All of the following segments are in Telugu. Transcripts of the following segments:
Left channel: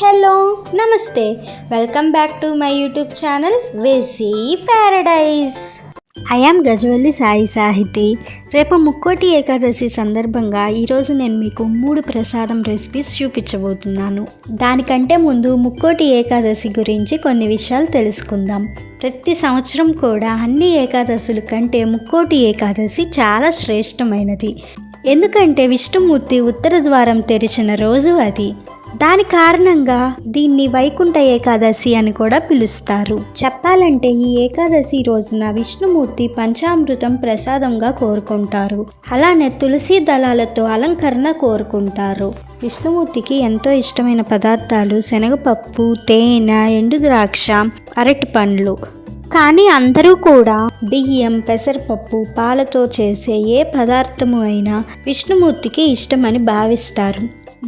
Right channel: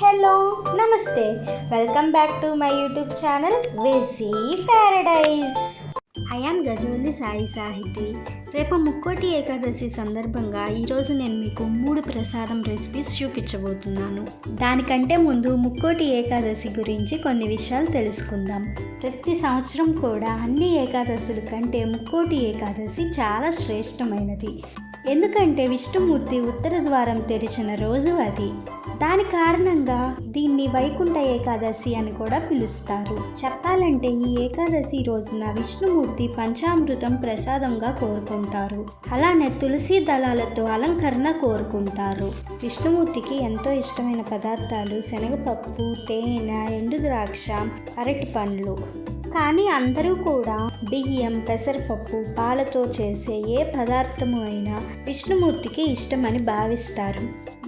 హలో నమస్తే, welcome back to my YouTube channel వేసి Paradise. I am Gajavalli Sai Sahiti. రేపు ముక్కోటి ఏకాదశి సందర్భంగా ఈరోజు నేను మీకు 3 ప్రసాదం రెసిపీస్ చూపించబోతున్నాను. దానికంటే ముందు ముక్కోటి ఏకాదశి గురించి కొన్ని విషయాలు తెలుసుకుందాం. ప్రతి సంవత్సరం కూడా అన్ని ఏకాదశుల కంటే ముక్కోటి ఏకాదశి చాలా శ్రేష్టమైనది. ఎందుకంటే విష్ణుమూర్తి ఉత్తర ద్వారం తెరిచిన రోజు అది. దాని కారణంగా దీన్ని వైకుంఠ ఏకాదశి అని కూడా పిలుస్తారు. చెప్పాలంటే ఈ ఏకాదశి రోజున విష్ణుమూర్తి పంచామృతం ప్రసాదంగా కోరుకుంటారు. అలానే తులసి దళాలతో అలంకరణ కోరుకుంటారు. విష్ణుమూర్తికి ఎంతో ఇష్టమైన పదార్థాలు శనగపప్పు, తేనె, ఎండు ద్రాక్ష, అరటి పండ్లు. కానీ అందరూ కూడా బియ్యం, పెసరపప్పు, పాలతో చేసే ఏ పదార్థము అయినా విష్ణుమూర్తికి ఇష్టమని భావిస్తారు.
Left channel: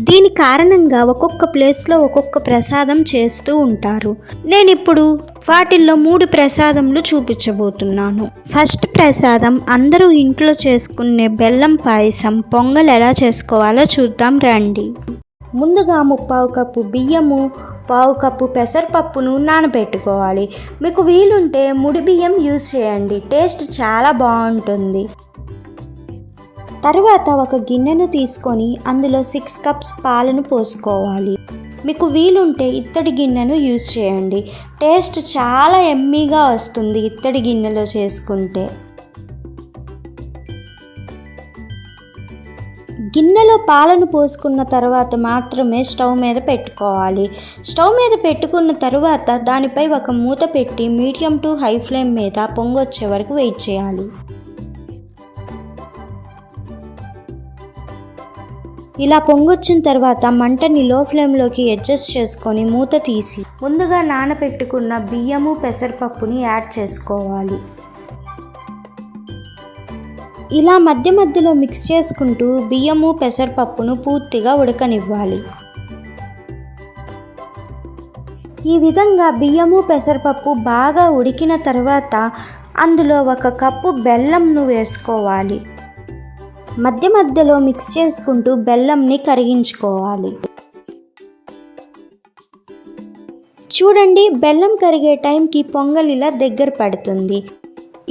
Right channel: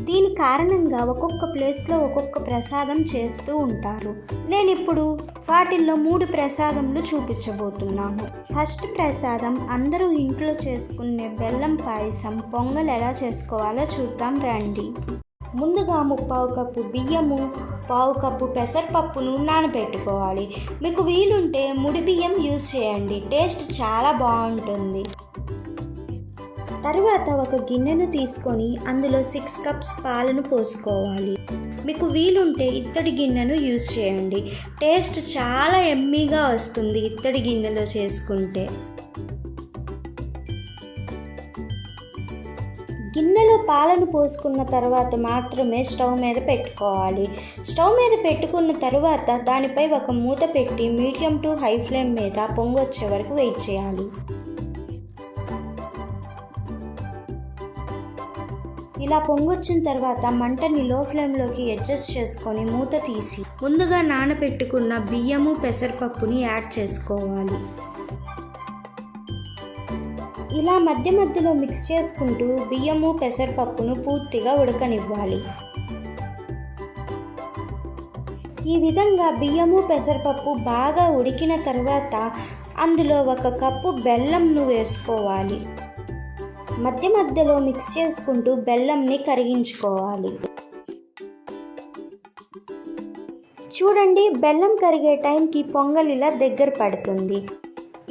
దీని కారణంగా ఒక్కొక్క ప్లేస్లో ఒక్కొక్క ప్రసాదం చేస్తూ ఉంటారు. నేను ఇప్పుడు వాటిల్లో 3 ప్రసాదములు చూపించబోతున్నాను. ఫస్ట్ ప్రసాదం అందరూ ఇంట్లో చేసుకునే బెల్లం పాయసం, పొంగల్ ఎలా చేసుకోవాలో చూద్దాం రండి. ముందుగా 3/4 కప్పు బియ్యము, 1/4 కప్పు పెసరపప్పును నానబెట్టుకోవాలి. మీకు వీలుంటే ముడి బియ్యం యూజ్ చేయండి, టేస్ట్ చాలా బాగుంటుంది. తర్వాత ఒక గిన్నెను తీసుకొని అందులో 6 కప్స్ పాలను పోసుకోవాలి. మీకు వీలుంటే ఇత్తడి గిన్నెను యూజ్ చేయండి, టేస్ట్ చాలా ఎమ్మీగా వస్తుంది ఇత్తడి గిన్నెలో చేసుకుంటే. గిన్నెలో పాలను పోసుకున్న తర్వాత మాత్రమే స్టవ్ మీద పెట్టుకోవాలి. స్టవ్ మీద పెట్టుకున్న తర్వాత దానిపై ఒక మూత పెట్టి మీడియం టు హై ఫ్లేమ్ మీద పొంగొచ్చే వరకు వెయిట్ చేయాలి. ఇలా పొంగొచ్చిన తర్వాత మంటని లో ఫ్లేమ్లోకి అడ్జస్ట్ చేసుకొని మూత తీసి ముందుగా నానబెట్టుకున్న బియ్యము, పెసరపప్పుని యాడ్ చేసుకోవాలి. ఇలా మధ్య మధ్యలో మిక్స్ చేసుకుంటూ బియ్యము, పెసరపప్పును పూర్తిగా ఉడకనివ్వాలి. ఈ విధంగా బియ్యము, పెసరపప్పు బాగా ఉడికిన తర్వాత అందులో 1 కప్పు బెల్లంను వేసుకోవాలి. మధ్య మధ్యలో మిక్స్ చేసుకుంటూ బెల్లంని కరిగించుకోవాలి. చూడండి, బెల్లం కరిగే టైంకి పొంగల్ ఇలా దగ్గర పడుతుంది.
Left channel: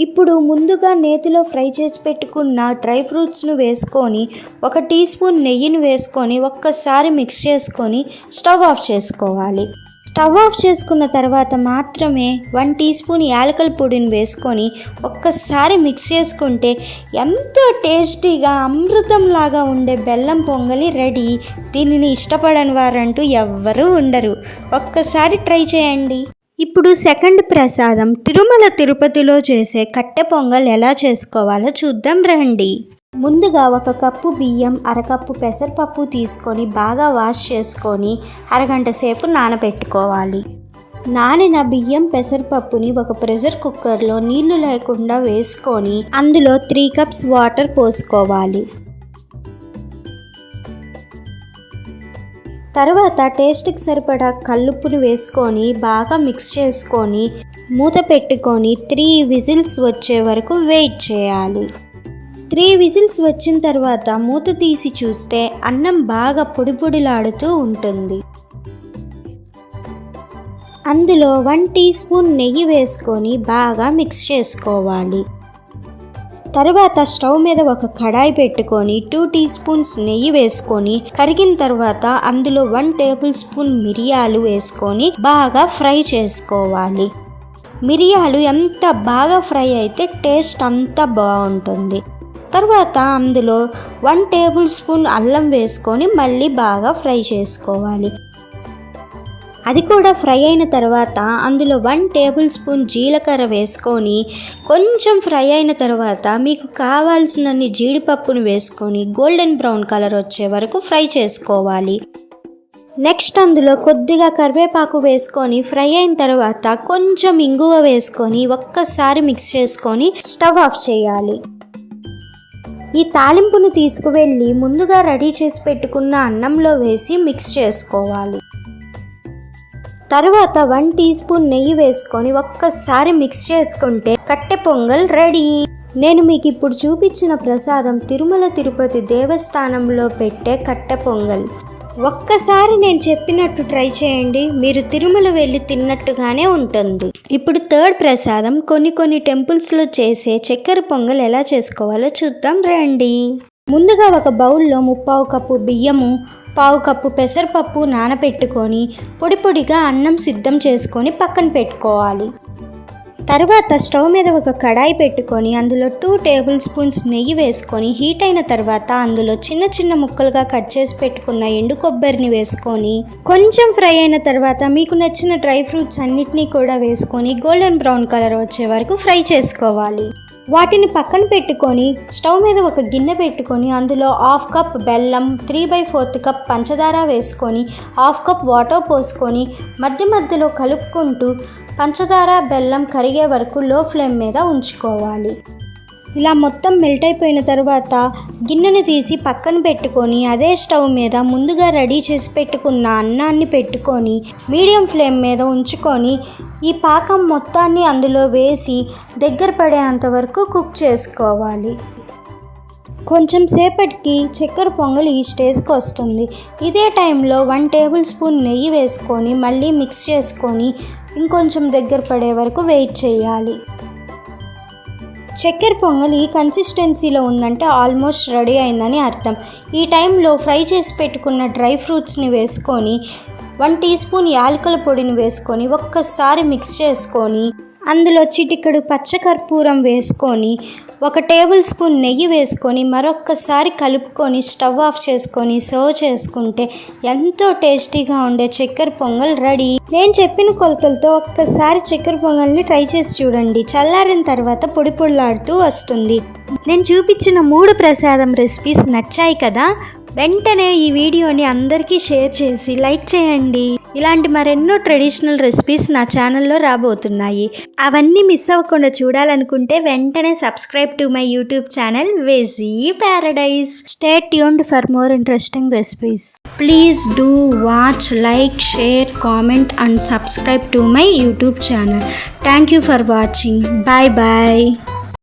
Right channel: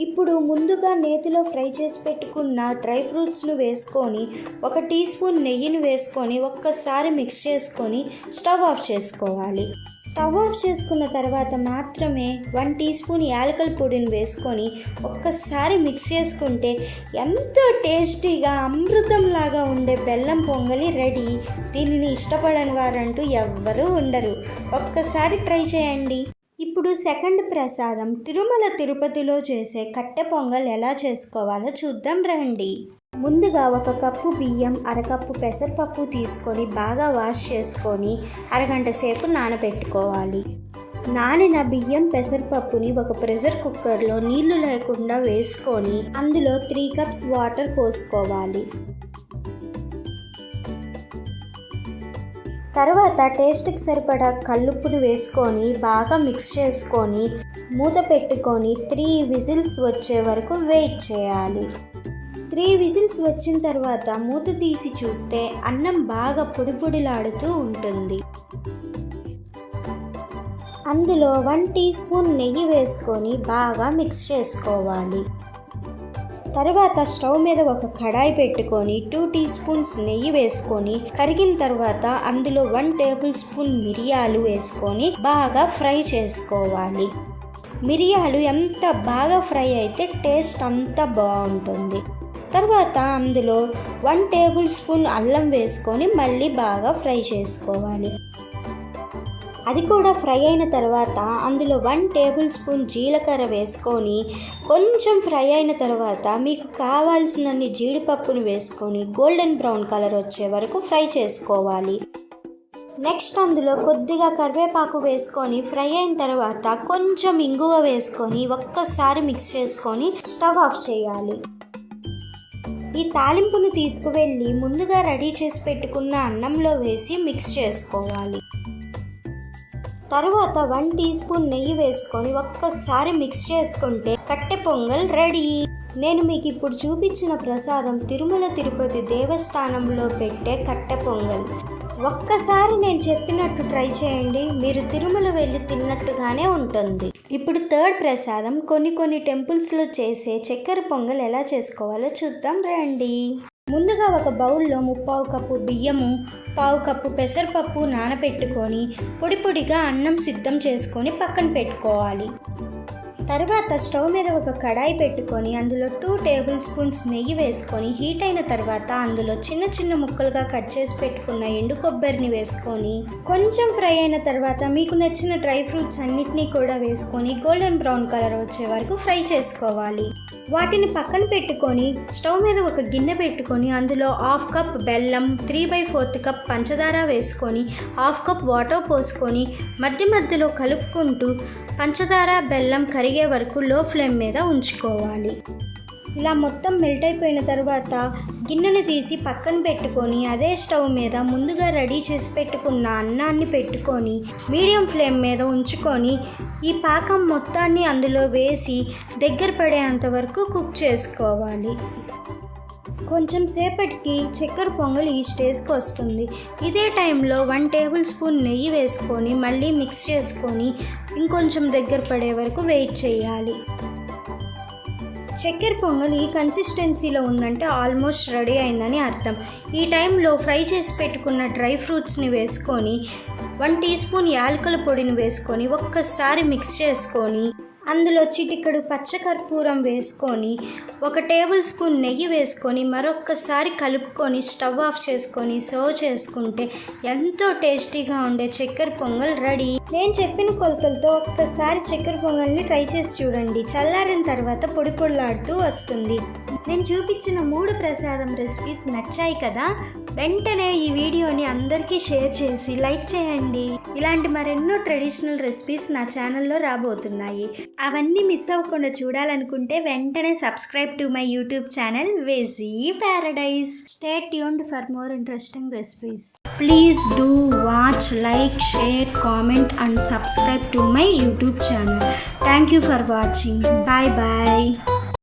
ఇప్పుడు ముందుగా నేతిలో ఫ్రై చేసి పెట్టుకున్న డ్రై ఫ్రూట్స్ను వేసుకొని 1 టీ స్పూన్ నెయ్యిని వేసుకొని ఒక్కసారి మిక్స్ చేసుకొని స్టవ్ ఆఫ్ చేసుకోవాలి. స్టవ్ ఆఫ్ చేసుకున్న తర్వాత మాత్రమే 1 టీ స్పూన్ యాలకుల పొడిని వేసుకొని ఒక్కసారి మిక్స్ చేసుకుంటే ఎంతో టేస్టీగా అమృతంలాగా ఉండే బెల్లం పొంగలి రెడీ. దీనిని ఇష్టపడని వారంటూ ఎవ్వరూ ఉండరు. ఒక్కసారి ట్రై చేయండి. ఇప్పుడు సెకండ్ ప్రసాదం తిరుమల తిరుపతిలో చేసే కట్టె పొంగల్ ఎలా చేసుకోవాలో చూద్దాం రండి. ముందుగా 1 కప్పు బియ్యం, 1/2 కప్పు పెసరపప్పు తీసుకొని బాగా వాష్ చేసుకొని అరగంట సేపు నానబెట్టుకోవాలి. నానిన బియ్యం, పెసరపప్పుని ఒక ప్రెషర్ కుక్కర్లో నీళ్లు లేకుండా వేసుకొని అందులో 3 కప్స్ వాటర్ పోసుకోవాలి. తర్వాత టేస్ట్కి సరిపడా కల్లుప్పును వేసుకొని బాగా మిక్స్ చేసుకొని మూత పెట్టుకొని 3 విజిల్స్ వచ్చే వరకు వెయిట్ చేయాలి. 3 విజిల్స్ వచ్చిన తర్వాత మూత తీసి చూస్తే అన్నం బాగా పొడి పొడిలాడుతూ ఉంటుంది. అందులో 1 టీ స్పూన్ నెయ్యి వేసుకొని బాగా మిక్స్ చేసుకోవాలి. తర్వాత స్టవ్ మీద ఒక కడాయి పెట్టుకొని 2 టీ స్పూన్స్ నెయ్యి వేసుకొని కరిగిన తర్వాత అందులో 1 టేబుల్ స్పూన్ మిరియాలు వేసుకొని బాగా ఫ్రై చేసుకోవాలి. మిరియాలు ఎంత బాగా ఫ్రై అయితే టేస్ట్ అంత బాగుంటుంది. తర్వాత అందులో 1 టేబుల్ స్పూన్ అల్లం వేసుకొని మళ్ళీ బాగా ఫ్రై చేసుకోవాలి. అది కూడా ఫ్రై అయిన తర్వాత అందులో 1 టేబుల్ స్పూన్ జీలకర్ర వేసుకొని కొంచెం ఫ్రై అయిన తర్వాత మీకు కావాల్సినన్ని జీడిపప్పును వేసుకొని గోల్డెన్ బ్రౌన్ కలర్ వచ్చే వరకు ఫ్రై చేసుకోవాలి. నెక్స్ట్ అందులో కొద్దిగా కరివేపాకు వేసుకొని ఫ్రై అయిన తర్వాత కొంచెం ఇంగువ వేసుకొని ఒక్కసారి మిక్స్ చేసుకొని స్టవ్ ఆఫ్ చేయాలి. ఈ తాలింపును తీసుకువెళ్ళి ముందుగా రెడీ చేసి పెట్టుకున్న అన్నంలో వేసి మిక్స్ చేసుకోవాలి. తర్వాత 1 టీ స్పూన్ నెయ్యి వేసుకొని ఒక్కసారి మిక్స్ చేసుకుంటే కట్టె పొంగల్ రెడీ. నేను మీకు ఇప్పుడు చూపించిన ప్రసాదం తిరుమల తిరుపతి దేవస్థానంలో పెట్టే కట్టె పొంగల్. ఒక్కసారి నేను చెప్పినట్టు ట్రై చేయండి, మీరు తిరుమల వెళ్ళి తిన్నట్టుగానే ఉంటుంది. ఇప్పుడు థర్డ్ ప్రసాదం కొన్ని టెంపుల్స్లో చేసే చక్కెర పొంగల్ ఎలా చేసుకోవాలో చూద్దాం రండి. ముందుగా ఒక బౌల్లో 3/4 కప్పు బియ్యము, 1/4 కప్పు పెసరపప్పు నానబెట్టుకొని పొడిగా అన్నం సిద్ధం చేసుకొని పక్కన పెట్టుకోవాలి. తర్వాత స్టవ్ మీద ఒక కడాయి పెట్టుకొని అందులో 2 టేబుల్ స్పూన్స్ నెయ్యి వేసుకొని హీట్ అయిన తర్వాత అందులో చిన్న ముక్కలుగా కట్ చేసి పెట్టుకున్న ఎండు కొబ్బరిని వేసుకొని కొంచెం ఫ్రై అయిన తర్వాత మీకు నచ్చిన డ్రై ఫ్రూట్స్ అన్నిటినీ కూడా వేసుకొని గోల్డెన్ బ్రౌన్ కలర్ వచ్చే వరకు ఫ్రై చేసుకోవాలి. వాటిని పక్కన పెట్టుకొని స్టవ్ మీద ఒక గిన్నె పెట్టుకొని అందులో 1/2 కప్ బెల్లం, 3/4 కప్ పంచదార వేసుకొని 1/2 కప్ వాటర్ పోసుకొని మధ్యలో కలుపుకుంటూ పంచదార బెల్లం కరిగే వరకు లో ఫ్లేమ్ మీద ఉంచుకోవాలి. ఇలా మొత్తం మెల్ట్ అయిపోయిన తర్వాత గిన్నెను తీసి పక్కన పెట్టుకొని అదే స్టవ్ మీద ముందుగా రెడీ చేసి పెట్టుకున్న అన్నాన్ని పెట్టుకొని మీడియం ఫ్లేమ్ మీద ఉంచుకొని ఈ పాకం మొత్తాన్ని అందులో వేసి దగ్గర పడేంత వరకు కుక్ చేసుకోవాలి. కొంచెం సేపటికి చక్కెర పొంగల్ ఈ స్టేజ్కి వస్తుంది. ఇదే టైంలో 1 టేబుల్ స్పూన్ నెయ్యి వేసుకొని మళ్ళీ మిక్స్ చేసుకొని ఇంకొంచెం దగ్గర పడే వరకు వెయిట్ చేయాలి. చక్కెర పొంగల్ ఈ కన్సిస్టెన్సీలో ఉందంటే ఆల్మోస్ట్ రెడీ అయిందని అర్థం. ఈ టైంలో ఫ్రై చేసి పెట్టుకున్న డ్రై ఫ్రూట్స్ని వేసుకొని 1 టీ స్పూన్ యాలకుల పొడిని వేసుకొని ఒక్కసారి మిక్స్ చేసుకొని అందులో చిటికెడు పచ్చకర్పూరం వేసుకొని 1 టేబుల్ స్పూన్ నెయ్యి వేసుకొని మరొక్కసారి కలుపుకొని స్టవ్ ఆఫ్ చేసుకొని సర్వ్ చేసుకుంటే ఎంతో టేస్టీగా ఉండే చక్కెర పొంగల్ రెడీ. నేను చెప్పిన కొలతలతో ఒక్కసారి చక్కెర పొంగల్ని ట్రై చేసి చూడండి. చల్లారిన తర్వాత పొడిలాడుతూ వస్తుంది. నేను చూపించిన 3 ప్రసాదం రెసిపీస్ నచ్చాయి కదా? వెంటనే ఈ వీడియోని అందరికీ షేర్ చేసి లైక్ చేయండి. ఇలాంటి మరెన్నో ట్రెడిషనల్ రెసిపీస్ నా ఛానల్లో రాబోతున్నాయి. అవన్నీ మిస్ అవ్వకుండా చూడాలనుకుంటే వెంటనే subscribe to my YouTube channel Veggie Paradise. Stay tuned for more interesting recipes. Please do watch, like, share, comment and subscribe to my YouTube channel. Thank you for watching. Bye.